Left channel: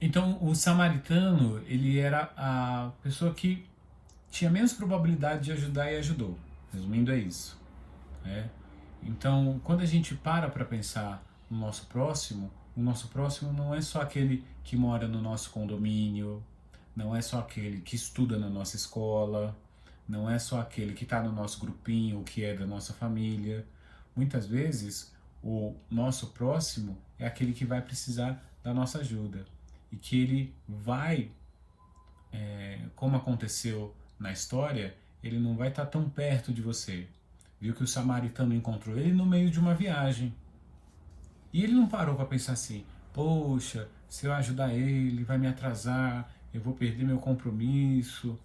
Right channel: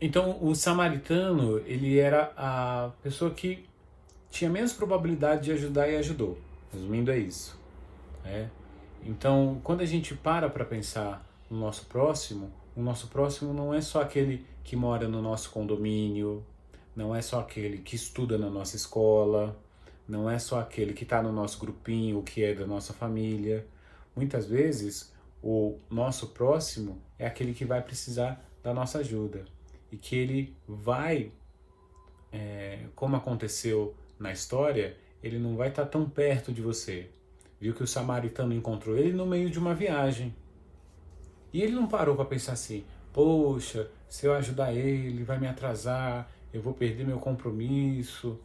Então, o samaritano, ele era a pessoa que tinha menos probabilidade de ajudar e ajudou. Resumindo, é isso. Né? Então, quando a gente para pensar no nosso próximo, o nosso próximo não é só aquele que mora no nosso condomínio, não é só aquele que estuda na nossa escola, não é só aquele que está no nosso grupinho, que é da nossa família. Muitas vezes, o nosso próximo é aquele que vai precisar da nossa ajuda e que ele vai, como aconteceu na história, ele não vai estar tão perto de você. Viu que o samaritano encontrou ele no meio de uma viagem. E ele não parou para pensar assim: poxa, se eu ajudar ele, vai me atrasar, eu vou perder meu compromisso.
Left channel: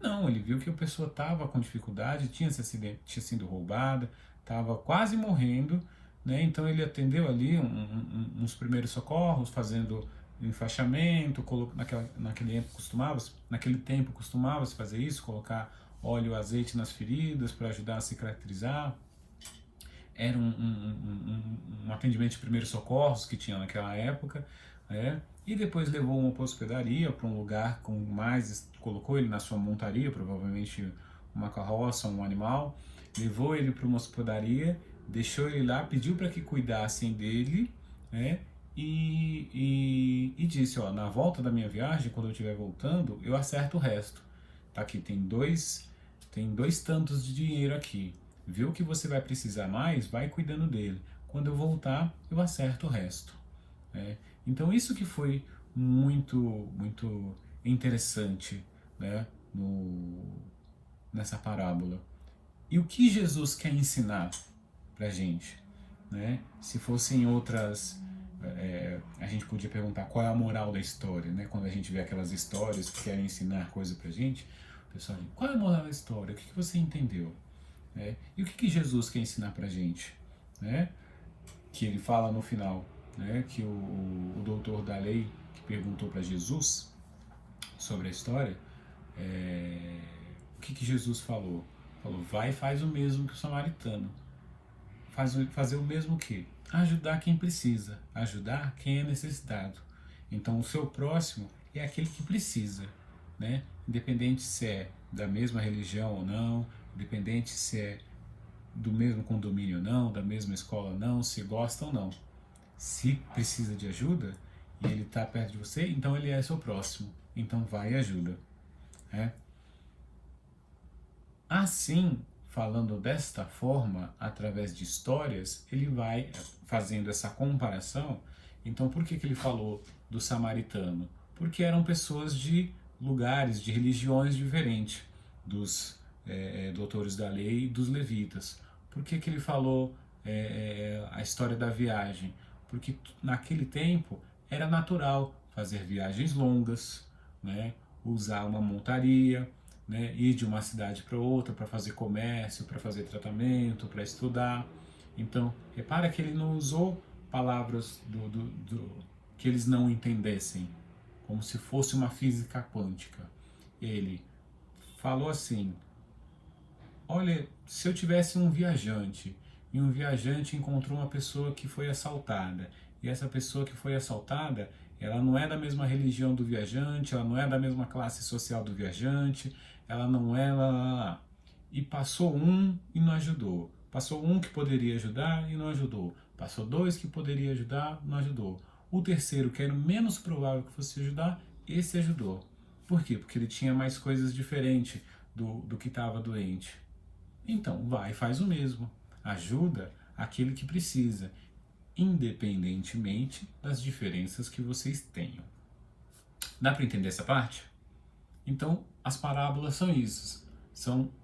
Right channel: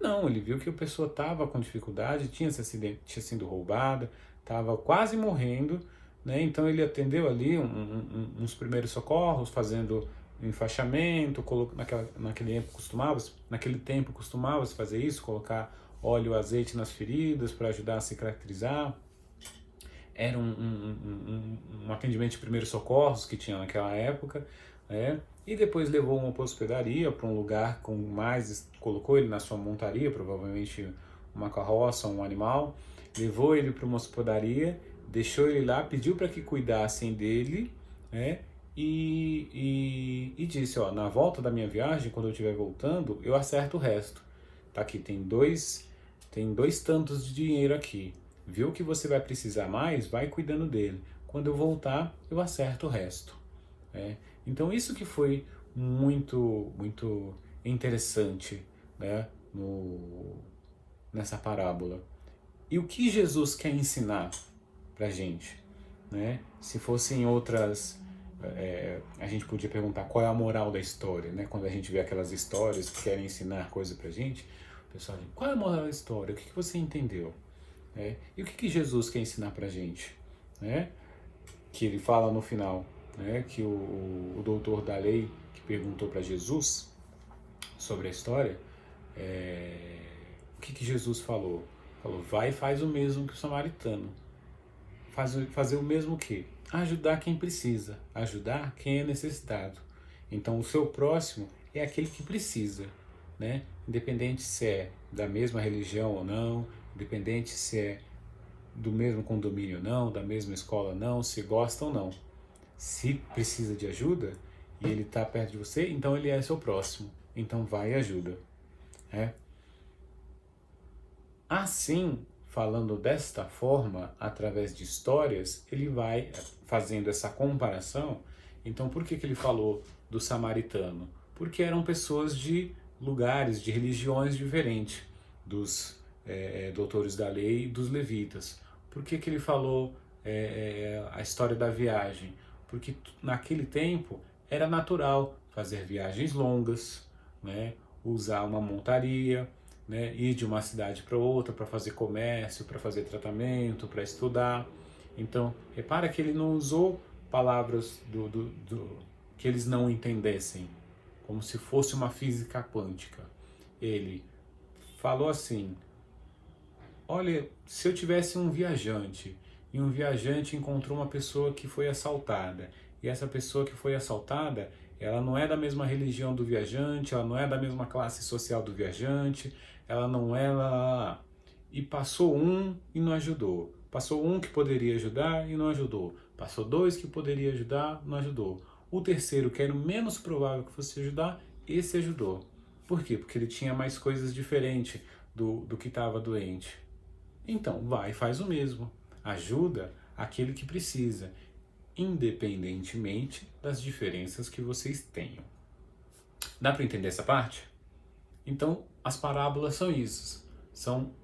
Não, ele viu que a pessoa estava com dificuldade, tinha sido roubada, estava quase morrendo, né? Então ele atendeu ali uns primeiros socorros, fazendo enfaixamento, naquele tempo costumava se fazer isso, colocar óleo, azeite nas feridas para ajudar a cicatrizar. Era um atendimento de primeiros socorros que tinha naquela época, né? E depois levou uma hospedaria para um lugar com mais, colocou ele na sua montaria, provavelmente uma carroça, um animal, levou ele para uma hospedaria, deixou ele lá, pediu para que cuidassem dele, né? E disse, ó, na volta da minha viagem, quando eu estiver voltando, eu acerto o resto. Tá aqui, tem dois tantos de dinheiro aqui. Viu que você vai precisar mais, vai cuidando dele. Quando eu voltar, eu acerto o resto. Né? Então isso que foi muito interessante, né, nessa parábola. E o que Jesus quer ensinar para gente? Né? Se fossem outras, a gente podia perguntar qual é a moral da história, né? Quando a gente vê aquelas histórias que querem ensinar coisa para gente, o pessoal diz, qual é a moral da história? O que você entendeu? E o que Jesus quer ensinar para gente? Né? Que ele fala no final, né? Que o doutor da lei que perguntou para Jesus sobre a história, o que Jesus falou? Falou, vai e faz o mesmo que o samaritano. Fazer o mesmo que? Ajudar quem precisa, ajudar quem é necessitado. Então o seu próximo é aquele que precisa, né? Independente se é da mesma religião ou não, independente se é do mesmo condomínio ou não, da mesma escola ou não, se gosta ou não. Se precisa de ajuda e ele está perto de você, então ele é seu próximo. Então vai e ajuda. Né? Assim, falando desta forma, através de histórias, ele vai fazendo essa comparação. Então, por que ele falou do samaritano? Porque eram pessoas de lugares, de religiões diferentes, dos doutores da lei e dos levitas. Por que ele falou a história da viagem? Porque naquele tempo era natural fazer viagens longas, né? Usar uma montaria, né, ir de uma cidade para outra para fazer comércio, para fazer tratamento, para estudar. Então, repara que ele não usou palavras que eles não entendessem, como se fosse uma física quântica. Ele falou assim: olha, se eu tivesse um viajante e um viajante encontrou uma pessoa que foi assaltada, e essa pessoa que foi assaltada, ela não é da mesma religião do viajante, ela não é da mesma classe social do viajante, ela não é e passou um e não ajudou. Passou um que poderia ajudar e não ajudou. Passou dois que poderia ajudar, não ajudou. O terceiro, que era o menos provável que fosse ajudar, esse ajudou. Por quê? Porque ele tinha mais coisas diferentes do que estava doente. Então, vai e faz o mesmo. Ajuda aquele que precisa, independentemente das diferenças que vocês tenham. Dá para entender essa parte? Então, as parábolas são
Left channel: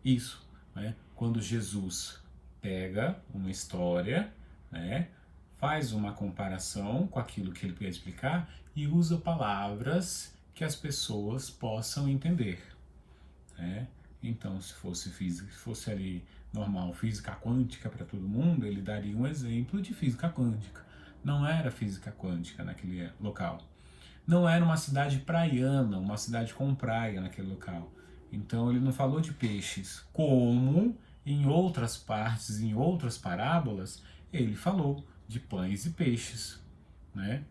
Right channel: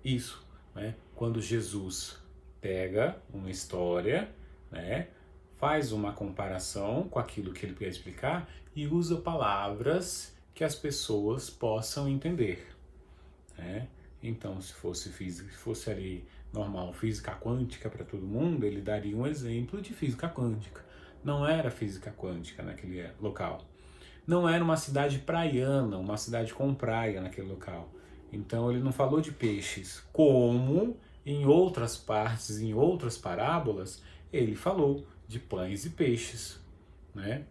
isso, né? Quando Jesus pega uma história, né, faz uma comparação com aquilo que ele quer explicar e usa palavras que as pessoas possam entender, né? Então, se fosse física, se fosse ali normal, física quântica para todo mundo, ele daria um exemplo de física quântica. Não era física quântica naquele local. Não era uma cidade praiana, uma cidade com praia naquele local. Então ele não falou de peixes, como em outras partes, em outras parábolas, ele falou de pães e peixes, né?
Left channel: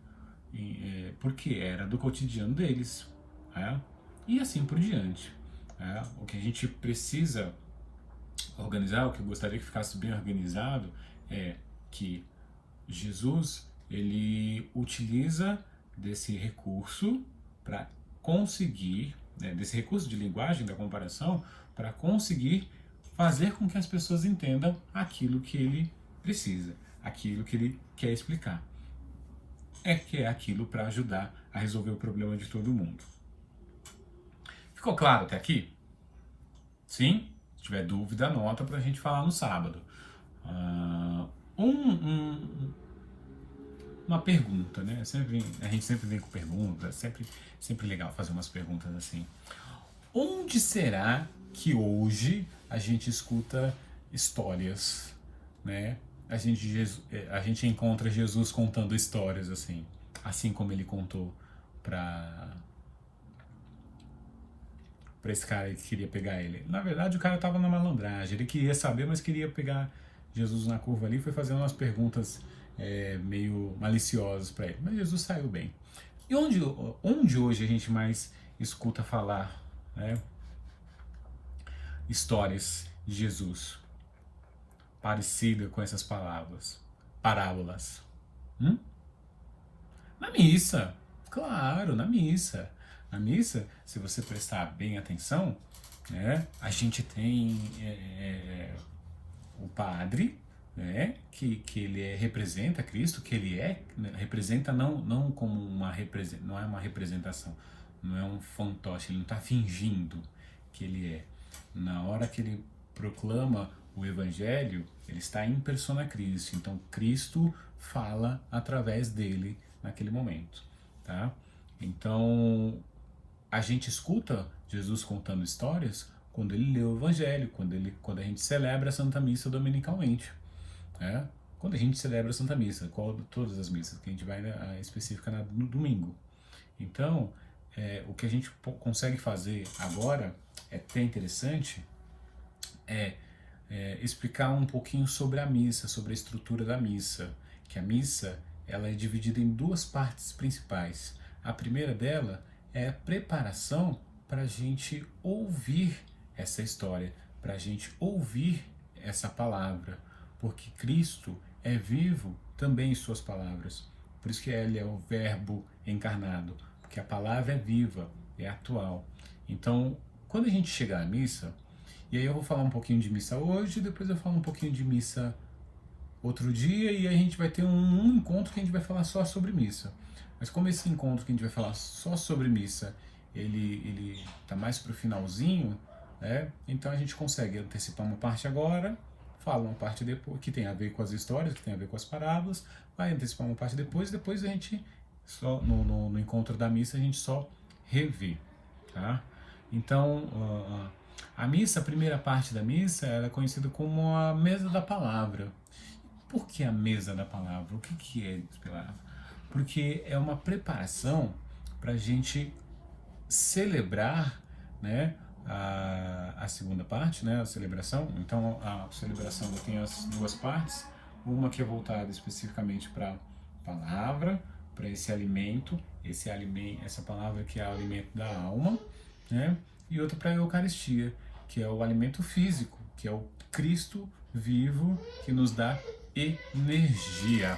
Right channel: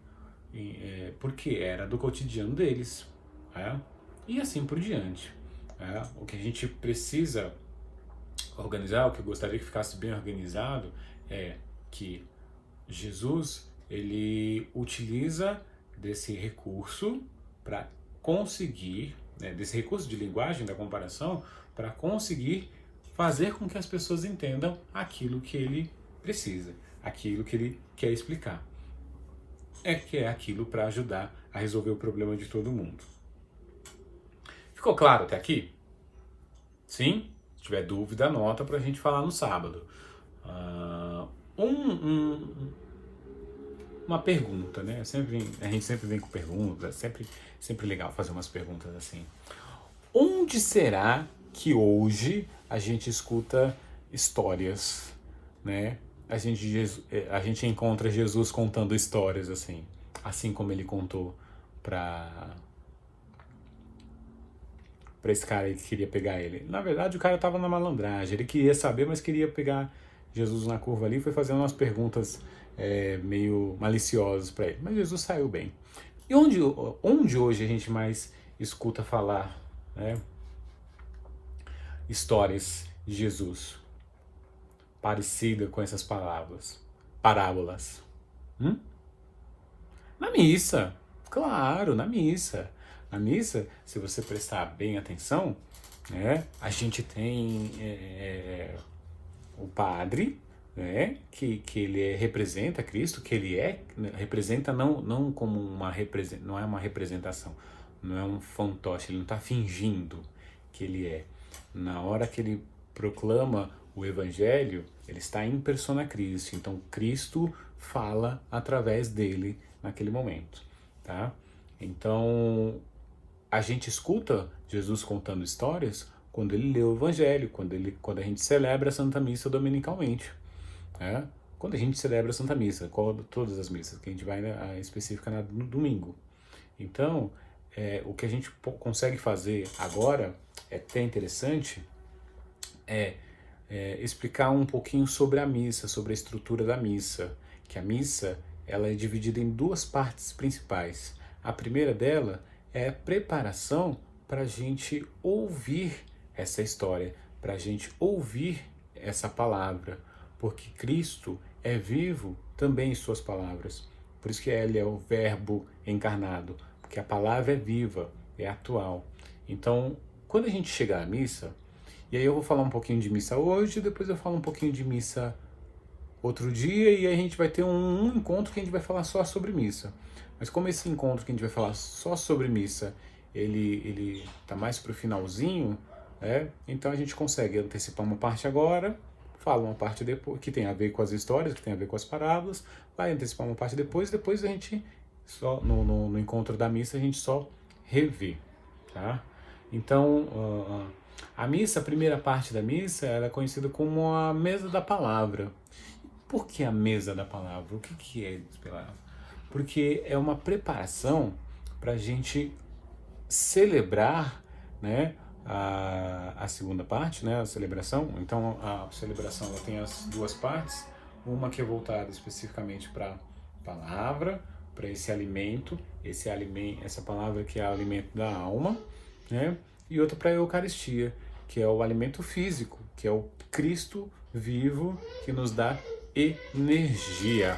porque era do cotidiano deles, né? E assim por diante. Né? O que a gente precisa organizar, o que eu gostaria que ficasse bem organizado, é que Jesus, ele utiliza desse recurso para conseguir, né, desse recurso de linguagem da comparação, para conseguir fazer com que as pessoas entendam aquilo que ele precisa, aquilo que ele quer explicar. Que é aquilo para ajudar a resolver o problema de todo mundo. Ficou claro até aqui? Sim? Se tiver dúvida, anota para a gente falar no sábado. Uma pergunta, né? A gente sempre vem com perguntas, sempre legal fazer umas perguntas assim. Onde será que hoje a gente escuta histórias, né? A gente encontra Jesus contando histórias assim como ele contou para esse cara que queria pegar ele. Na verdade, o cara estava na malandragem, ele queria saber, mas queria pegar Jesus na curva ali, foi fazendo umas perguntas meio maliciosas para ele. Mas Jesus saiu bem. E onde hoje a gente mais escuta falar, né, histórias de Jesus parecida com essas parábolas? Na missa, claro, na missa. Na missa, se você prestar bem atenção, né, a gente tem o padre, né, que ele representa Cristo, que ele representa não como não é uma representação, não é um fantoche, ele não está fingindo que ele é. Na hora que ele proclama o Evangelho, ele está em persona Christi, então Cristo fala através dele naquele momento, tá? Então, a gente escuta Jesus contando histórias quando ele lê o Evangelho, quando a gente celebra a Santa Missa dominicalmente, né? Quando a gente celebra a Santa Missa, todas as missas, que a gente vai a específica no domingo. Então, o que a gente consegue fazer agora, é até interessante, explicar um pouquinho sobre a missa, sobre a estrutura da missa, que a missa ela é dividida em duas partes principais. A primeira dela é a preparação para a gente ouvir essa história, para a gente ouvir essa palavra, porque Cristo é vivo também em suas palavras. Por isso que ele é o Verbo encarnado, porque a palavra é viva, é atual. Então, quando a gente chegar à missa, e aí eu vou falar um pouquinho de missa hoje, depois eu falo um pouquinho de missa outro dia, e aí a gente vai ter um encontro que a gente vai falar só sobre missa. Mas como esse encontro que a gente vai falar só sobre missa, ele tá mais pro finalzinho, então a gente consegue antecipar uma parte agora, fala uma parte depois, que tem a ver com as histórias, que tem a ver com as parábolas, vai antecipar uma parte depois a gente, só no encontro da missa, a gente só revê, tá? Então, a missa, a primeira parte da missa, ela é conhecida como a mesa da palavra. Por que a mesa da palavra? O que é a palavra? Porque é uma preparação para a gente celebrar, né, a segunda parte, né, a celebração. Então, a celebração ela tem as duas partes, uma que é voltada especificamente para a palavra, para esse alimento, essa palavra que é o alimento da alma, né, e outra para a Eucaristia, que é o alimento físico, que é o Cristo vivo que nos dá energia.